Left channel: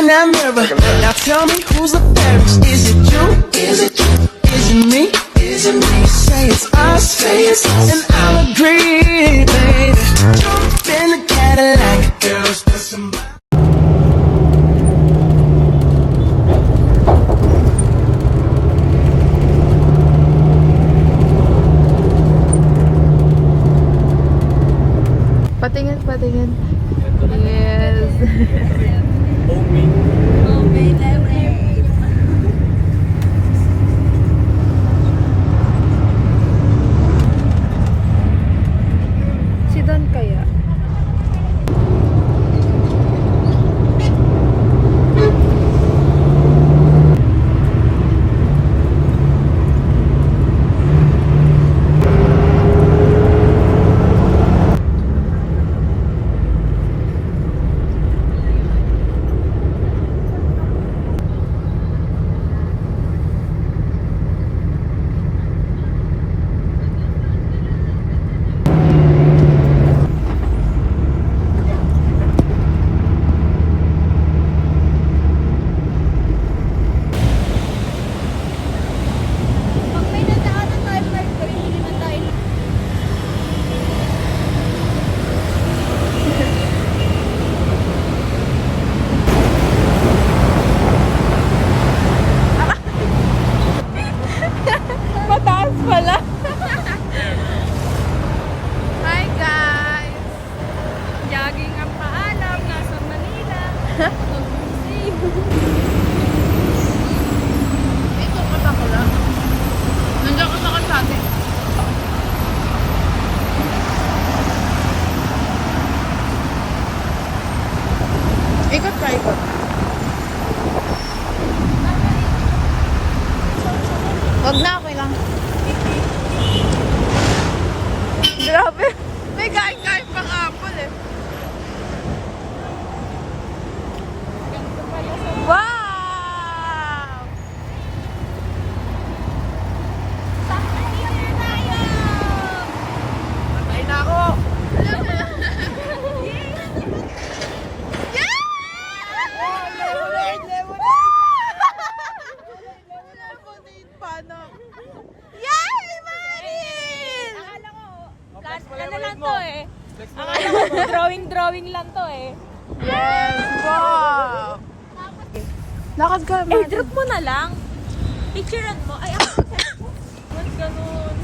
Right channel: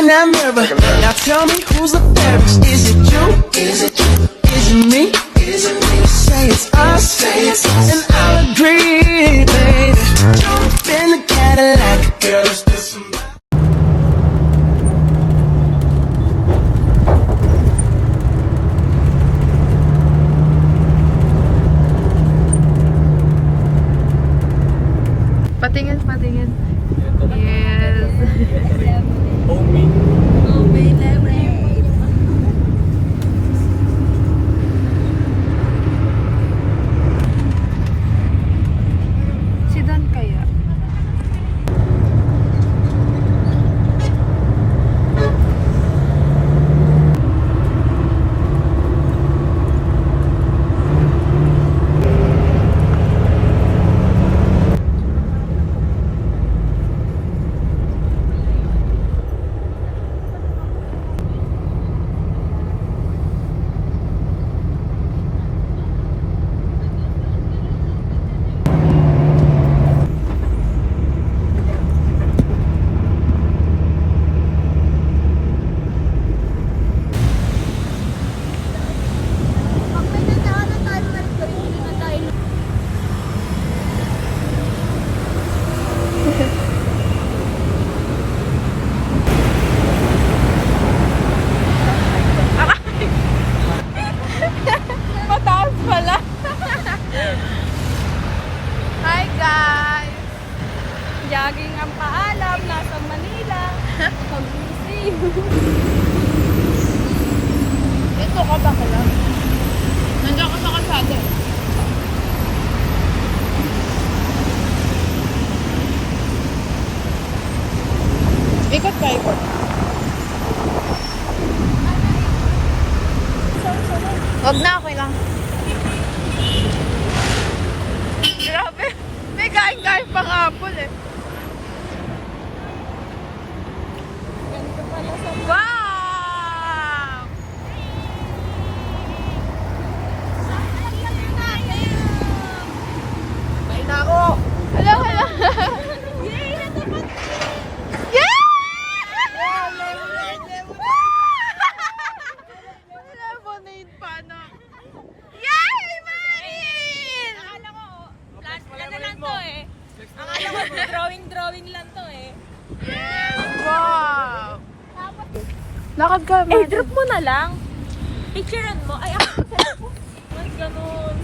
in that mirror. Now tell me who's the fairest? Is it you? Is it you? Is it me? Is it me? Say it's us, and I'll agree, baby. Jump in the Cadillac, girl, let's get some. Patingin, patingin. Yes. Homemade. Homemade lemonade. Si Don kaya? Pag may nadaanan tayo, may bili na tayo. Mataas pala. Hi guys! Jogging ang paalam, nasa Manila. Gusto ko ba kala? Nandiyan ka sa kalsada. Ikot pa, ikot. Wag na, okay lang. Grabe. May kain-kain pang apple eh. Wow! Patay na ako! Hala, hala. Yeah! Lemonade! Lemonade pa na. Yay, Marin! Ano lang to eh. Flex mo na Drawing lang to eh. Yes, wow! Lakad ka, Marin. Drop mo na lang. Picturean mo. Ay, mas ganun.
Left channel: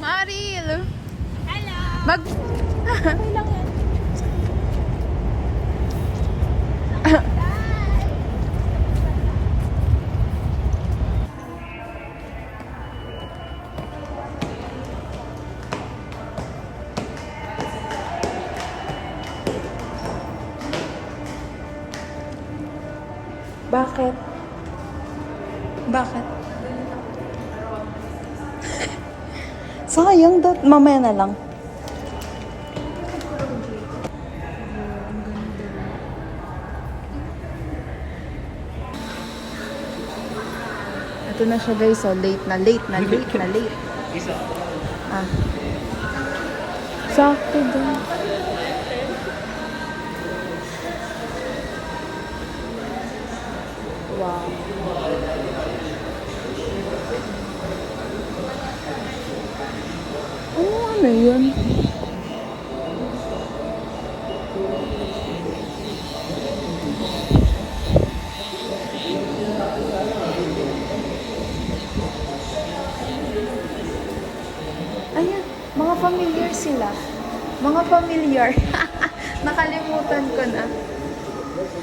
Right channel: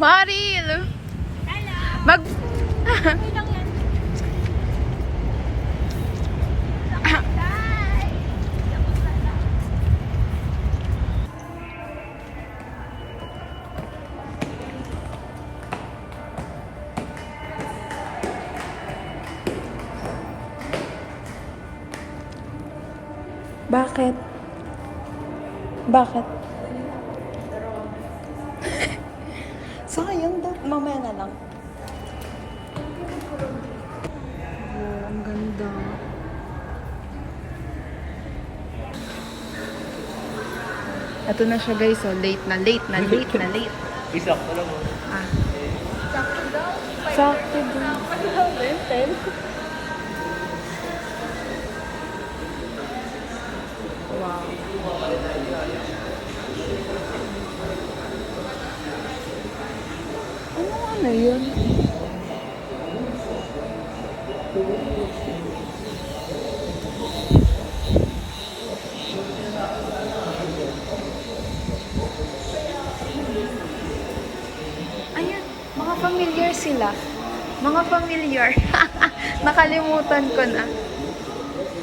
Maril! Hello! Mag... Bakit? Bakit? Sayang, mamaya na lang. Oh, ang ganda. Ito na siya guys, so late na. Isa. Ah. Sakto daw. Wow. Oh, ano yun? Ayan, mga familiar sila. Mga familiar. Nakalimutan ko na.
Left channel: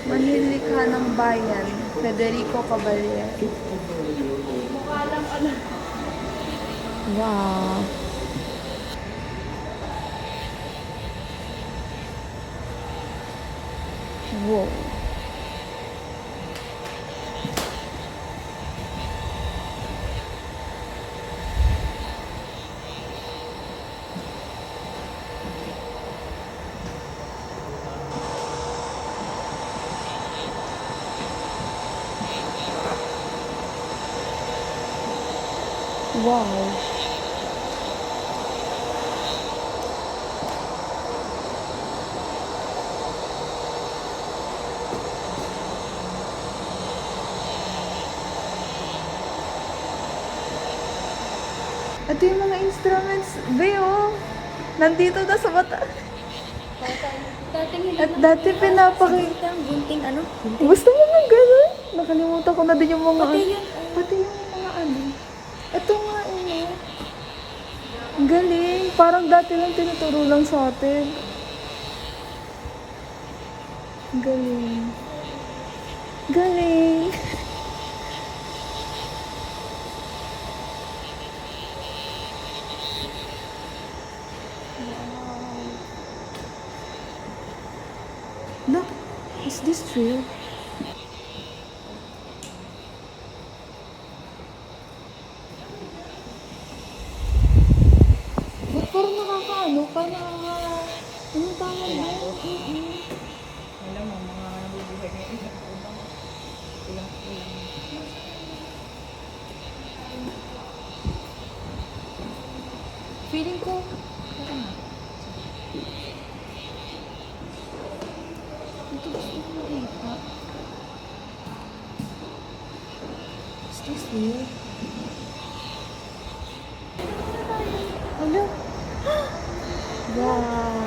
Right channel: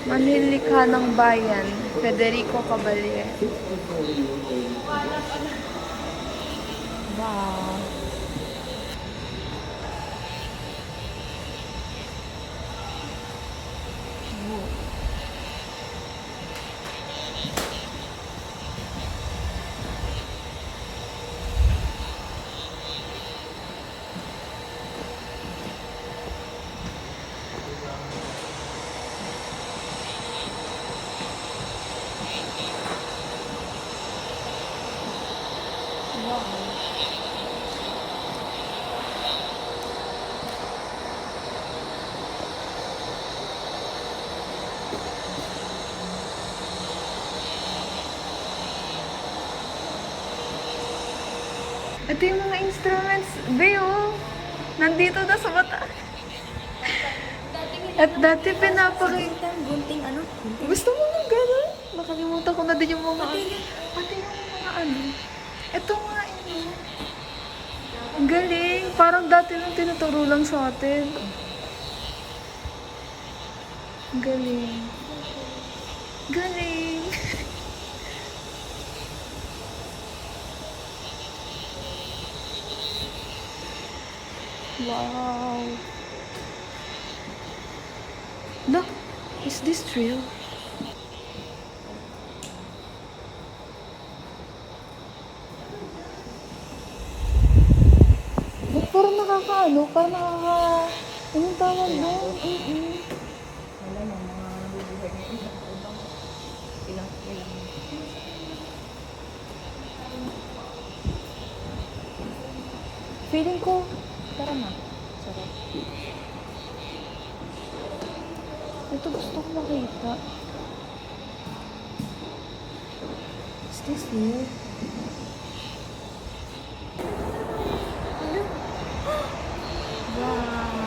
Manlilikha ng Bayan, Federico Caballero. Wow. Wow. Ito yung mga instruments, Be, oh. Nandito na sa mata. At dati pinapakita. Ang gunting ano? Gusto mo nga gano'n? Nakalimutan ko na din yung mga... Pati yung mga ano. Ito nga yun. Ang galing. Parang dati lang tinuturo lang sa atin. Ang galing. Galing. Wow. Look, is this real? Ba't parang nakakaano ka? Anong tawag mo? Wala mo, mga nabubuhay ng ilang ubang. Ilang. Feeling ko, Tara na. ito gusto ko makita. Is this real? Hello? Wow.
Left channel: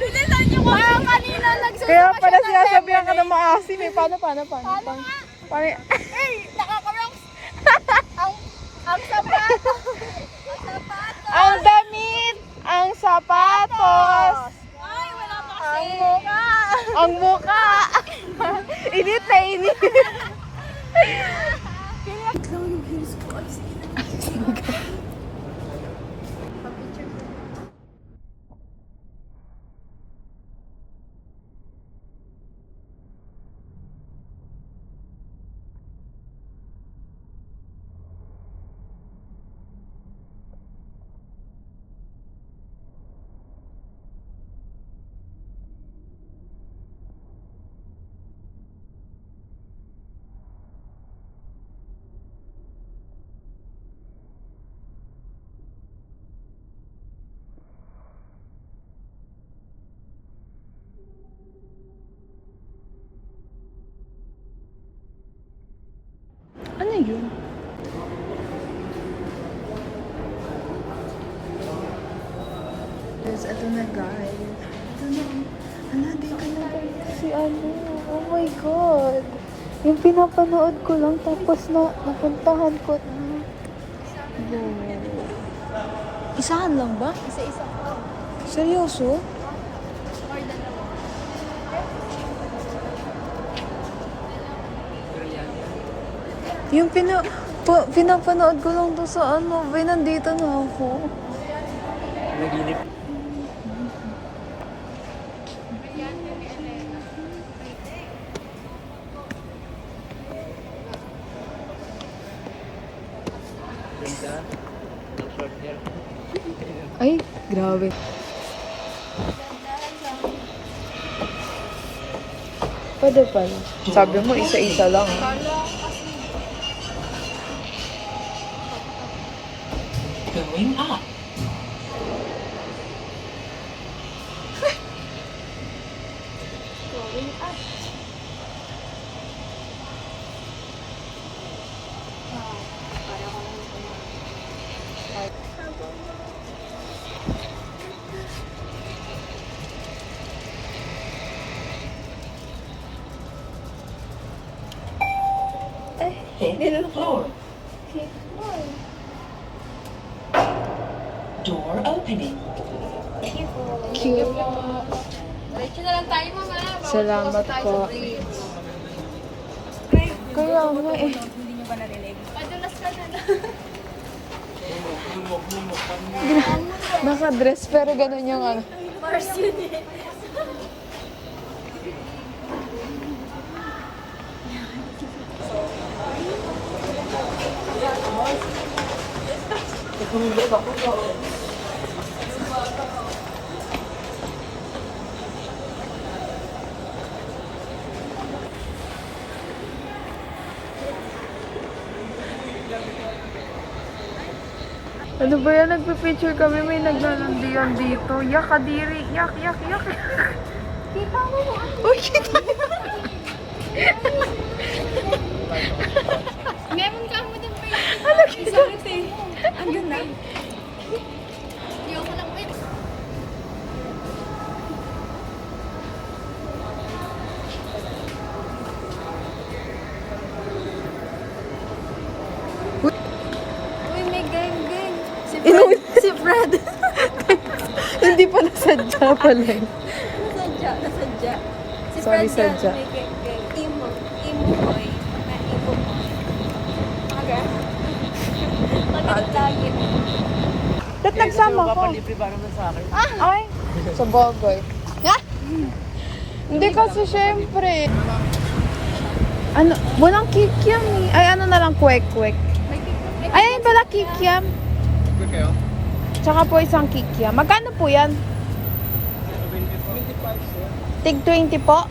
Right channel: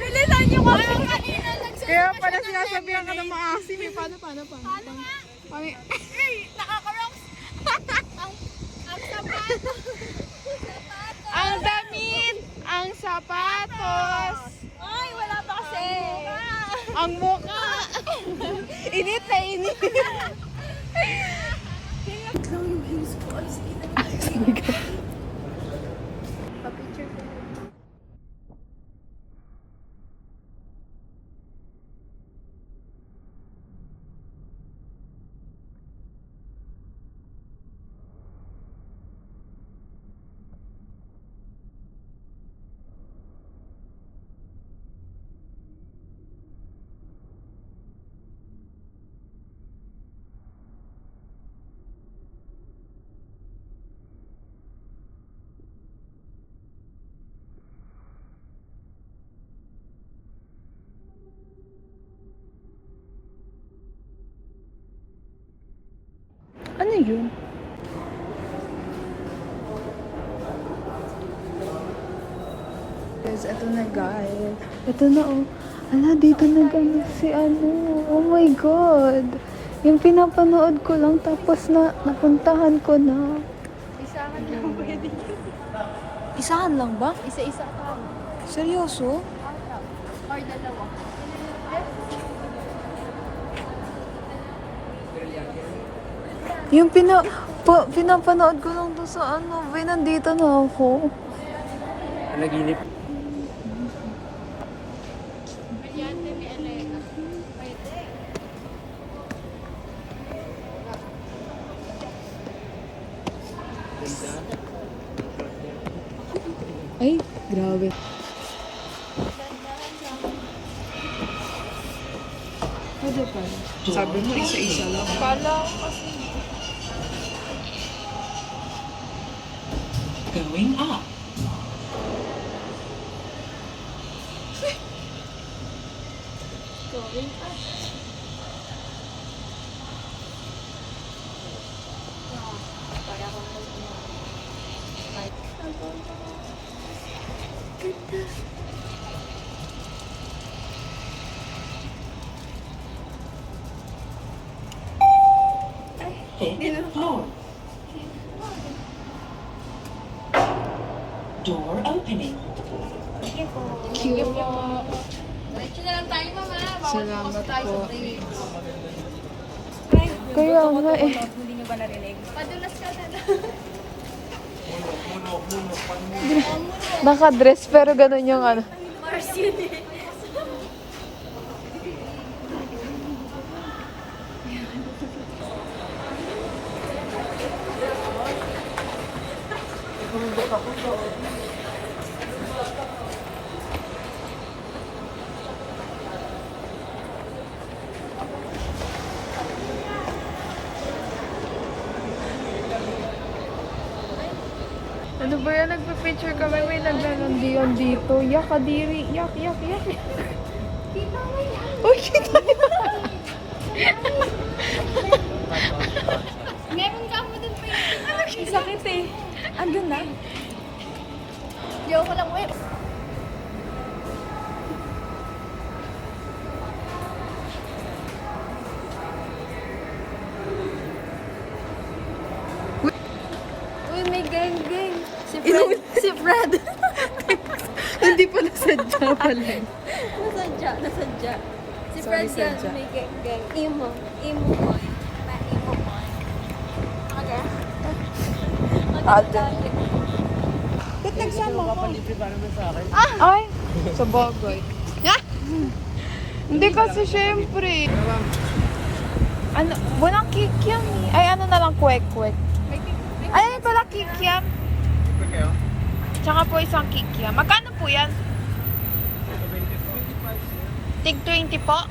Bilisan niyo ko ang kanina Kaya pala sinasabihan ka na maasim eh. Paano? Nakaka-rocks. Ang sapatos. Ang damit! Ang sapatos! Ay, wala pa kasi. Ang muka! Init na init! Lang yung heels ko. Ano yun? Guys, ito na guys. Ito na oh. Ala, dito na guys si ano. Oh my God. Yung pinapanood ko lang tapos na napuntahan ko na. Wow. Isahan lang ba? Isa-isa. Seryoso? Or dalawa. Yung pinapanood ko lang to sa ano. Bay, nandito na ako. Naginip. Ay, grabe. Pwede pala. Sabi mo, isa-isa lang. Going up. Fifth floor. Door opening. Cute. Diretso na lang tayo mama. Salamat po. Kaya nga eh. Hindi nyo ba narinig? Padulas ka na lang. Naka-dress pero ganun yung ano. Mars yun eh. Ano ba yan? Nagpa-picture kami. May naglalandian dito. Yak, kadiri. Yak, yak, yak. Kita mo yung ano. Uy, kita niyo. Meron ka mo din pa yun. Ano sakit eh? Andun na. Yo, ko lang wait. Uy, may gang-gang. Si Fred. Si Fred. Hindi pa nasadya pala. Nasadya. Si Sorry, Fred sadya. yan, may gang-gang. Imo boy. Imo boy. Aga. Lagi. Ba't nagsama ko? Ay, sa bagay. Hindi kasi syempre. Ano, walang kikiam eh. Ay, ano na lang, kwek-kwek. Ay, ayun pala kikiam. Tsaka po isang kikiam. Magkano po yan? Tig 20 po?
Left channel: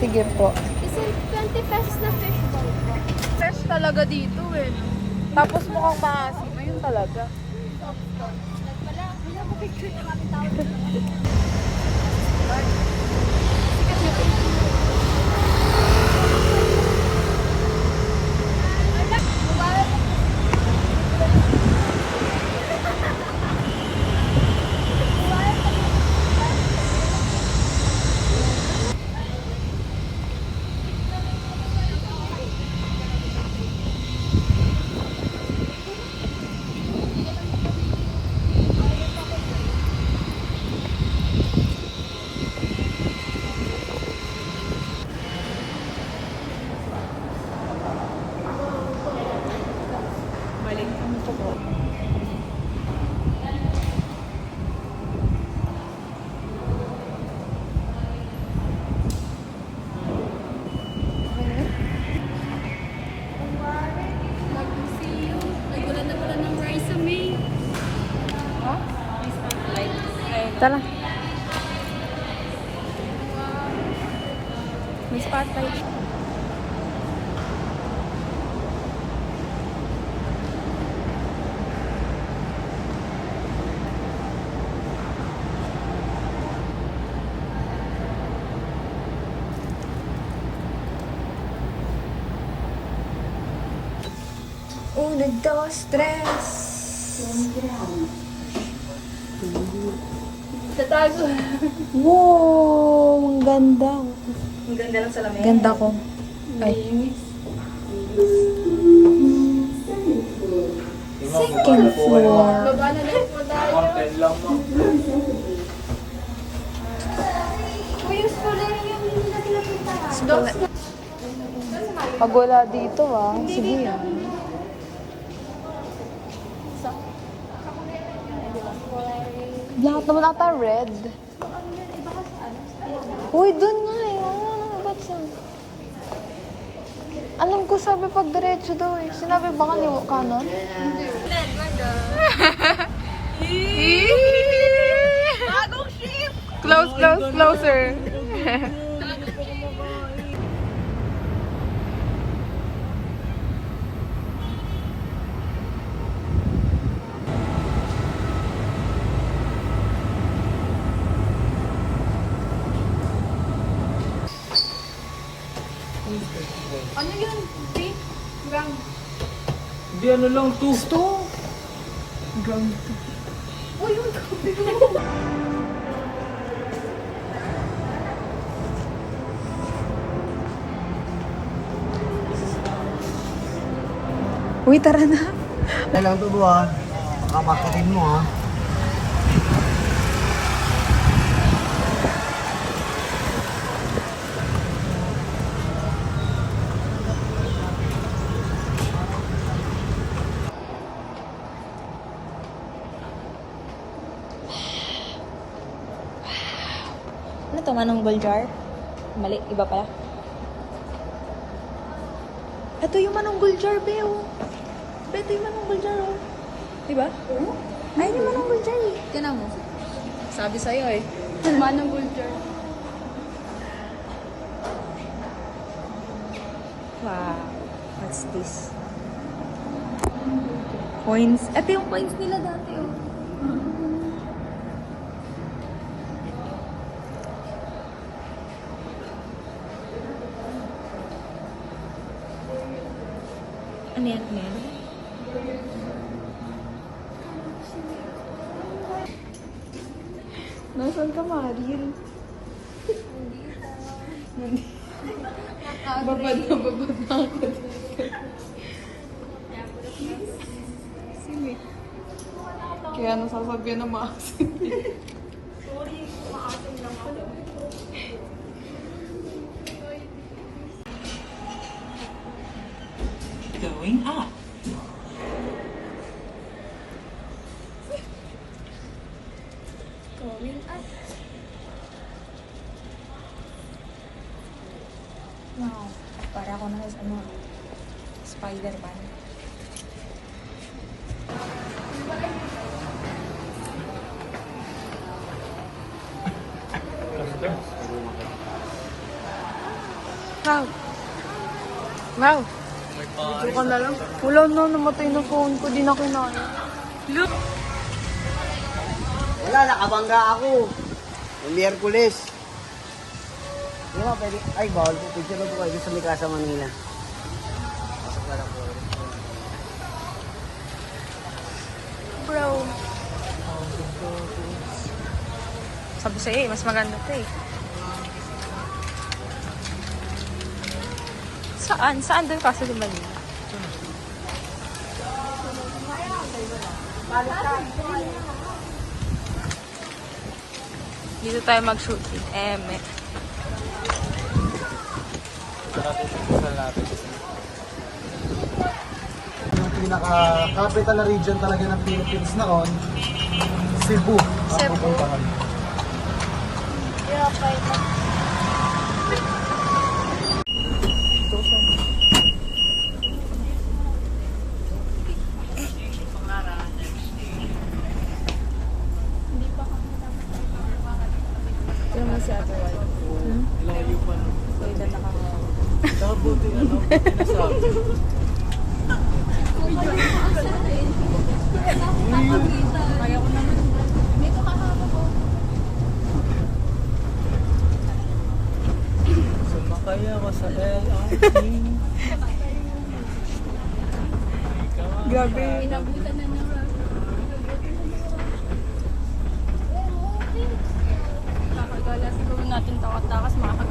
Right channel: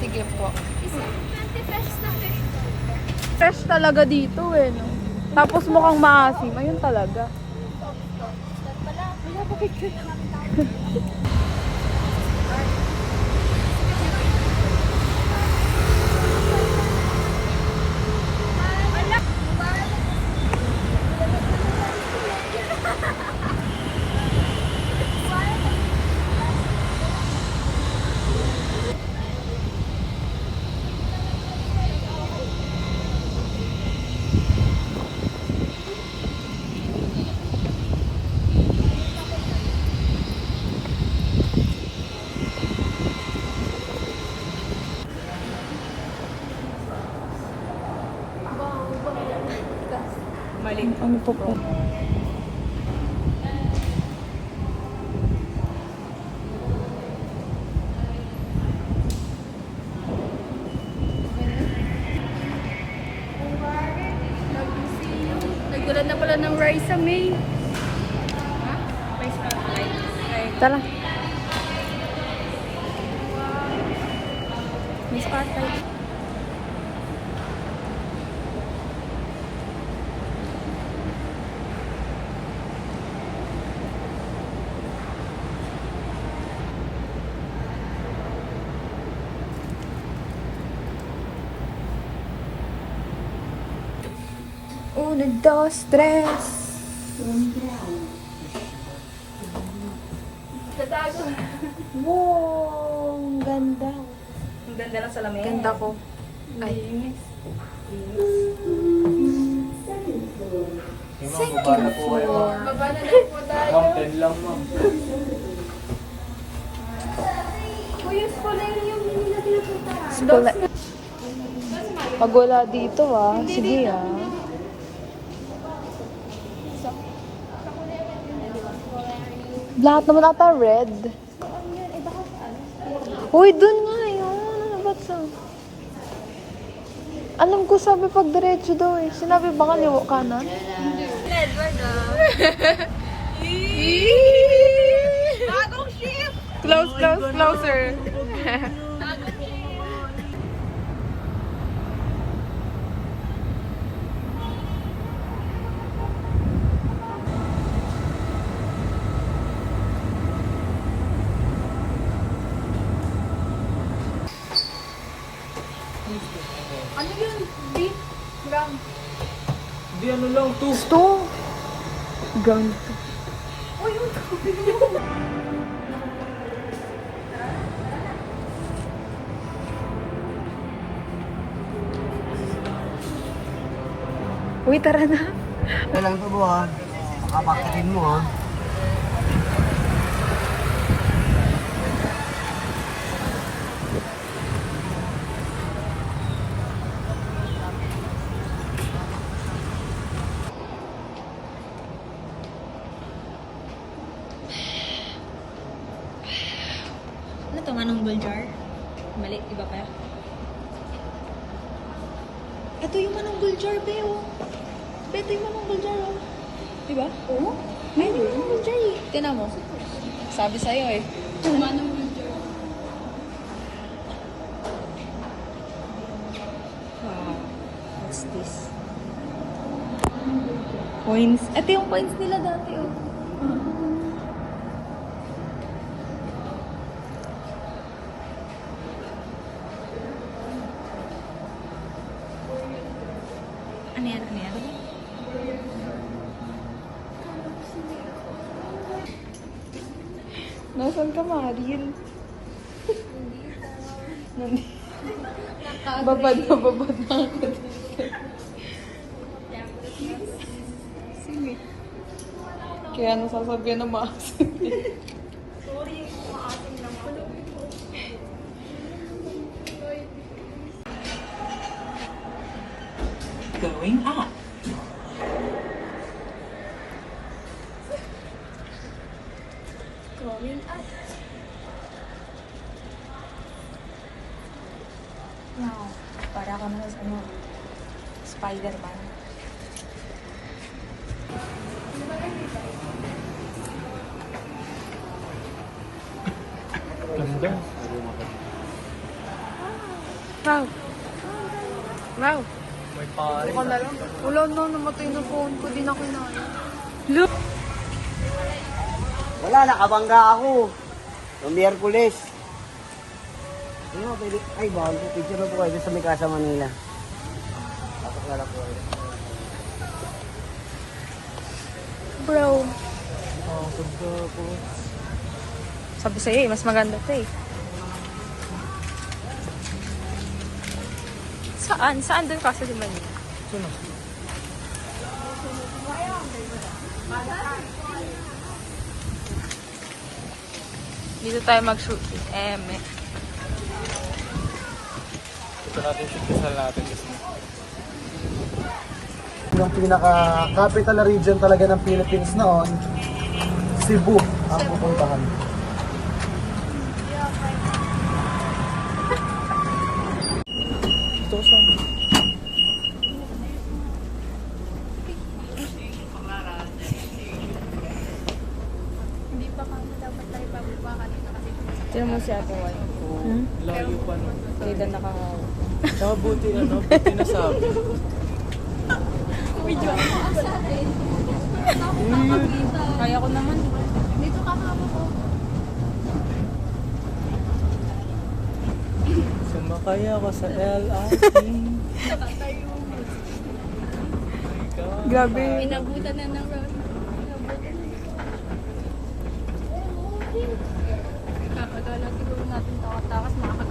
Sige po. Isang 20 pesos na fish ball po. Fresh talaga dito eh. No? Tapos mukhang maasim. Ayun talaga. Pala, binabukit ko yung tao. Ano to po? Nagulat na pala ng rice May. Tara. May spotlight. Uno, dos, tres. Tatago. Wow, ang ganda. Ang ganda lang sa lamesa. Ganda ko. Ay. Second floor. Uy, yung scholar yung hindi na pinapuntahan. Wala. Pag wala dito sige Lahat naman ata red. Uy, dun nga yun. Ba't sa? Alam ko sabi pag diretso daw eh. Sinabi ba kaliwa kanan? Close, close, closer. Ano yun? Beef? Gram? Hindi, ano lang to. Ito. Ganito. Uy, yun. Uy, tara na. Alam to mo ha. Makapagkatin mo ha. Ano to, manong gold jar? Mali, iba pala. Ito yung manunggol jar, Beo. Beto yung Manong Buljar, oh. Diba? Oo. Ayun yung Manong Buljar, eh. Tinan mo. Sabi sa'yo, eh. Manong Bulgar. Wow. What's this? Coins. Ito yung coins nila dati, oh. Ano yan? Ano yan? Nasaan ka, Mariel? Nandito. Babad na ako. Sige. Kaya nasasabihan na maasin. Going up. Wow. Para ako na sa Spider-Man. Wow. Wow. Ako na lang. Wala na, namatay na phone ko. Di na kinaya. Look! Wala, nakabangga ako. Yung Miyerkules. Hindi mo pwede. Ay, bawal po. Picture na po kayo sa Mikasa, Manila. Bro. Sabi sa'yo eh, mas maganda to eh. Saan? Saan doon kasi sa Manila? Dito tayo mag-shooting. Eme. Yung pinaka-capital region talaga ng Philippines noon, Cebu. Ang pupuntahan. Tinan mo si Ate Wal. Layo pa no. Pwede nakahawa. Mabuti ano, sinasabi. Kaya ko naman. Dito kakama ko. Sumakay ako sa LRT. Grabe. Inabutan na ng road. Akala siguro natin takas-takas makakagawa